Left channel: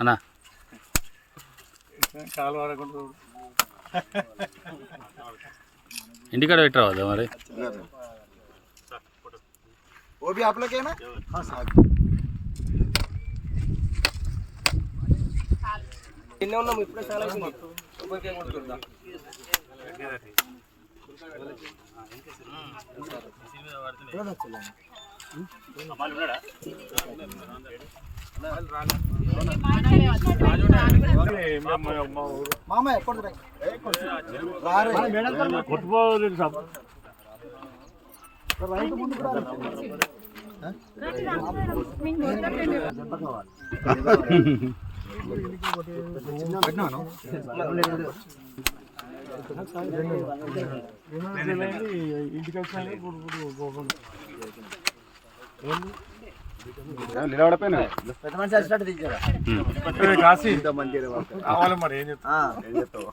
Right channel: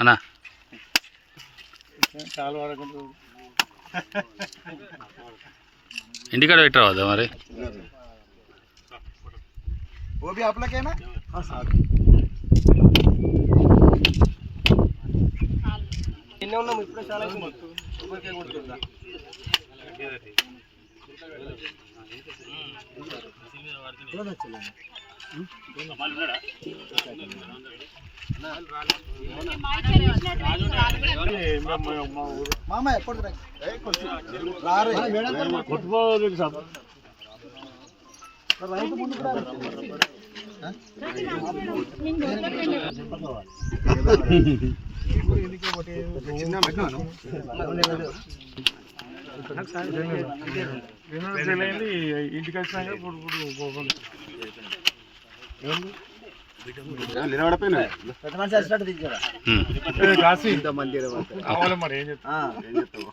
అన్నా ఇంటికాడ పెట్టరావద్దా మరి वो भी आप लोग है ना ఇన్నే ఉన్నాము ఇప్పుడు చాలా ఊరికే కొడుతుందా మామ ఎప్పుడు కొట్టుకోలేదు సార్ రైతు ముందు ఇంటికి నిలబడిపోయినా పెద్ద మనిషి వచ్చినట్టు దిగారా కాసి ఇంతమంది కావాలి మరి ఏం చెప్తావు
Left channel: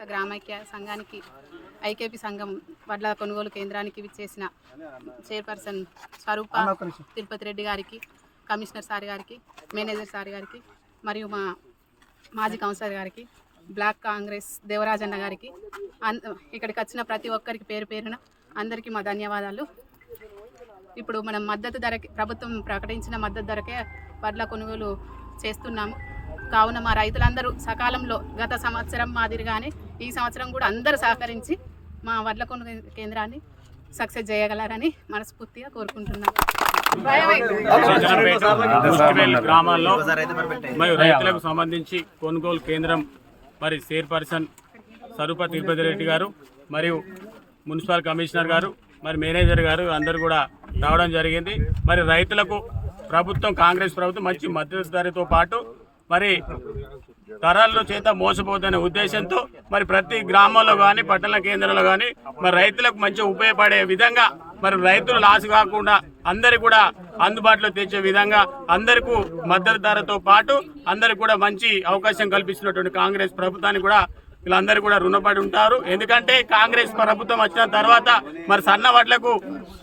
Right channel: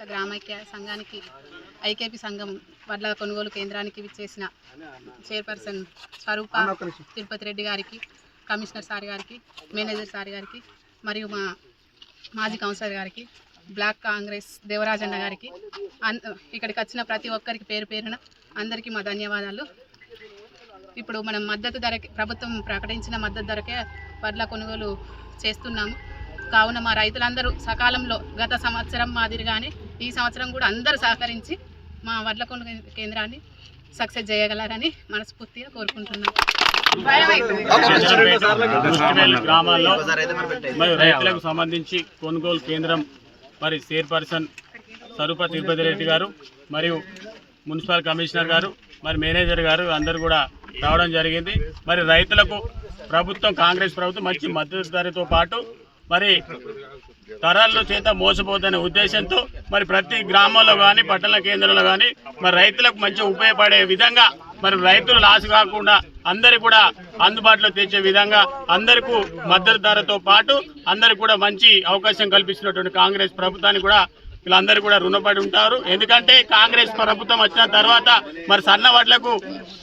గ్రామైక్య సంఘానికి ఐకేపీ సంఘం వడ్ల కొనుగోలు కేంద్రానికి విచ్చేసిన చైర్పర్సన్ స్వరూప తిరుపతి రెడ్డి గారికి, కమిషనర్ సార్ గారికి, మేనేజర్ సార్ గారికి, మరియు మా మాజీ కౌన్సిలర్ గారికి, బ్లాక్ కాంగ్రెస్ దేవరాజన్న గారికి, ఇక్కడికి వచ్చిన ప్రతి ఒక్కరికి పేరు పేరున అందరికీ మా ధన్యవాదాలు. ఇప్పుడు మనం మద్దతు ధరకి ప్రభుత్వం ప్రకటించిన మద్దతు ధరకే వడ్ల కొనుగోలు చేస్తున్నాము. కావున మా రైతులందరూ సకాలంలో గత సంవత్సరం మాదిరిగానే ఈ సంవత్సరం కూడా అందరూ సహకరించి మా వడ్ల కొనుగోలు కేంద్రాన్ని సక్సెస్ చేయగలరని మనస్ఫూర్తిగా కోరుకుంటున్నాను. గ్రామాల్లో మరియు రైతులకు సంబంధించి కొనుగోలు కేంద్రం మరి చైర్పర్సన్ స్వరూప తిరుపతి రెడ్డి గారు మరియు మున్సిపల్ కమిషనర్ గారు మరి మేనేజర్ గారు అందరూ కూడా రావడం జరిగింది. మరి రైతులకు ప్రభుత్వం కాంగ్రెస్ ప్రభుత్వం మంచి మద్దతు ధరతో పాటు మరి ధరల్లో చేత మోసపోతున్న ఉద్దేశంతో మరి ప్రతి గ్రామంలో కానీ పట్టణ కేంద్రంలో కానీ మరి రైతులకు మంచి ఉపయోగపడే విధంగా మరి రైతులు లాస్ కాకుండా అందరికి కూడా అందుబాటులో తెచ్చే విధంగా అందరికీ మద్దతు ధరతో పాటు అందరికి కూడా మంచి అవకాశం కల్పిస్తున్నటువంటి కాంగ్రెస్ ప్రభుత్వానికి కూడా వీళ్ళందరూ కూడా రుణపడి ఉంటారు. ఎందుకంటే కాంగ్రెస్ ప్రభుత్వం వచ్చిన తర్వాత మరి సన్న వడ్లకు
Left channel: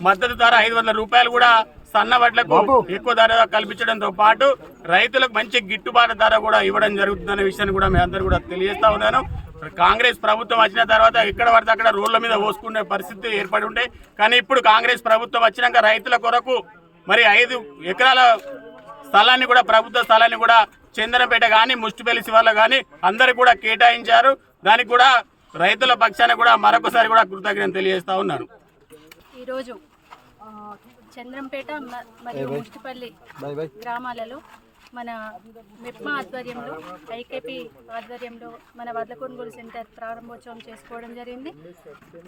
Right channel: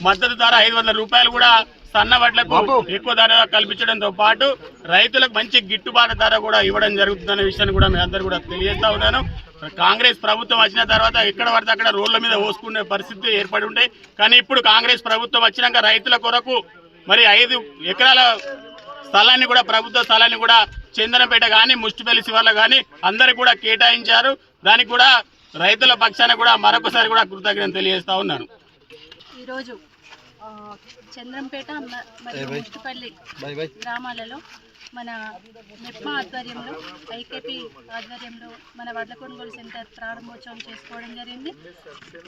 మద్దతు ధర 500 రూపాయలు కూడా సన్న వడ్లకు ఎక్కువ ధర కల్పించడంతో పాటు రైతులకు మంచి గిట్టుబాటు ధర కూడా ఇవ్వడం జరుగుతుందనే విషయాన్ని కూడా మీ అందరూ కూడా తెలియజేస్తా ఉన్నాను. కాంగ్రెస్ ప్రభుత్వం వచ్చిన తర్వాత ఎక్కడ పడితే అక్కడ రోడ్ల మీద పోసుకునే పరిస్థితి ఏర్పడి ఉండే, కానీ ఇప్పుడు కాంగ్రెస్ ప్రభుత్వం వచ్చినాక రైతుల కొరకు మరి 5 ఎకరాల స్థలాన్ని కూడా ప్రభుత్వ స్థలాన్ని కూడా చందనపేట కానీ ముష్టిపల్లి శివార్లు కానీ అందరికి కూడా కేటాయించారు. దానికి కూడా రైతుల పక్షాన కూడా మరొకసారి కూడా కృతజ్ఞతలు తెలియజేస్తా ఉన్నాను. ఈరోజు చంద్రంపేట మరియు ముష్టిపల్లి గ్రామాలలో మన మెప్మా ఆధ్వర్యంలో ఐకేపీ ఆధ్వర్యంలో మన వడ్ల కొనుగోలు సెంటర్ ప్రారంభోత్సవం చేసుకోవడం జరిగింది.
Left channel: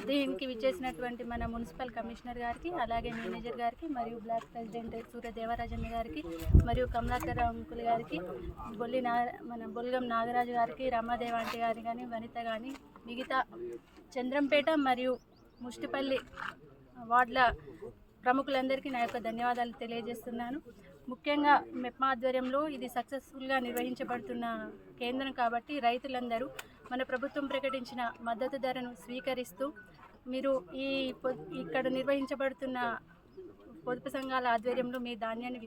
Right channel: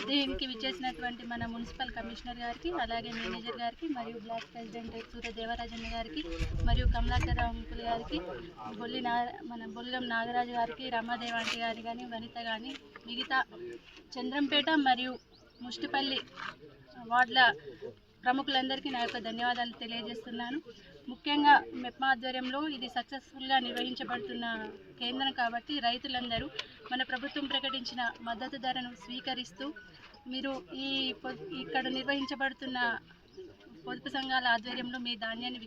దీనికి విచ్చేసినటువంటి మన మున్సిపల్ కమిషనర్ గారికి, అలాగే మేనేజర్ గారికి, మరియు బ్లాక్ ప్రెసిడెంట్ సూర్య దేవరాజన్న గారికి, మరియు కమలాకర్ అంకుల్ గారికి, మన బొల్గం నాగరాజు గారికి, రమాదేవాంటి గారి కానీ, వనిత కానీ, మిగతా చంద్రంపేట మరియు ముష్టిపల్లి వార్డుల ప్రముఖులందరికీ నా యొక్క ధన్యవాదాలు తెలియజేస్తున్నాను. ముఖ్యంగా మెప్మా ఆధ్వర్యంలో ఇది సక్సెస్ఫుల్గా నిర్వహించబడుతున్న కేంద్రం కాబట్టి రైతులందరూ మన ప్రభుత్వం ప్రకటించిన మద్దతు ధరను స్వీకరిస్తూ మీరు ఇక్కడ నిర్వహించబడుతున్న పొదుపు సంఘాల ఆధ్వర్యంలో మీ ధాన్యాన్ని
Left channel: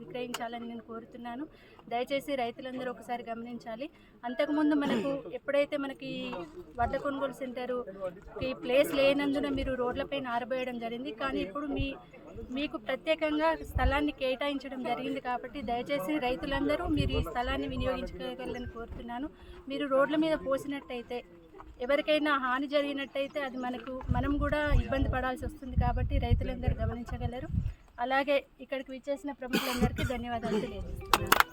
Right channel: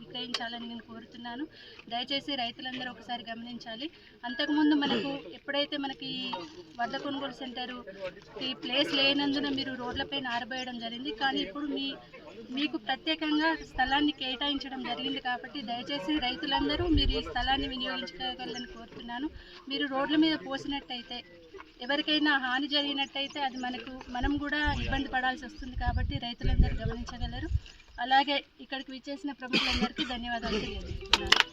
విక్రయించాలని నేను కోరుతున్నాను. దయచేసి రైతులందరూ ఒకసారి గమనించాలి. అంతకుముందు ఎప్పుడైతే మనకి వడ్ల కొనుగోలు సెంటర్కి ప్లేస్ లేనందున మీరు రోడ్లపైన ఆరబోయడం జరిగింది, కానీ ఇప్పుడు మీకు ప్రత్యేకంగా స్థలాన్ని కేటాయించడం జరిగింది. కాబట్టి దయచేసి రైతులందరూ మీరు ఈ స్థలాన్ని వినియోగించుకోగలని కోరుతున్నాను. మీరు రోడ్ల మీద పోసినట్టయితే ఎవరికైనా హాని జరిగినట్టయితే అది మనం కూడా ఇబ్బంది పడాల్సి వస్తుంది. కాబట్టి రైతులందరూ గమనించగలరు. అలాగే ఇక్కడికి విచ్చేసిన ప్రముఖులందరికీ ధన్యవాదాలు తెలియజేస్తున్నాను.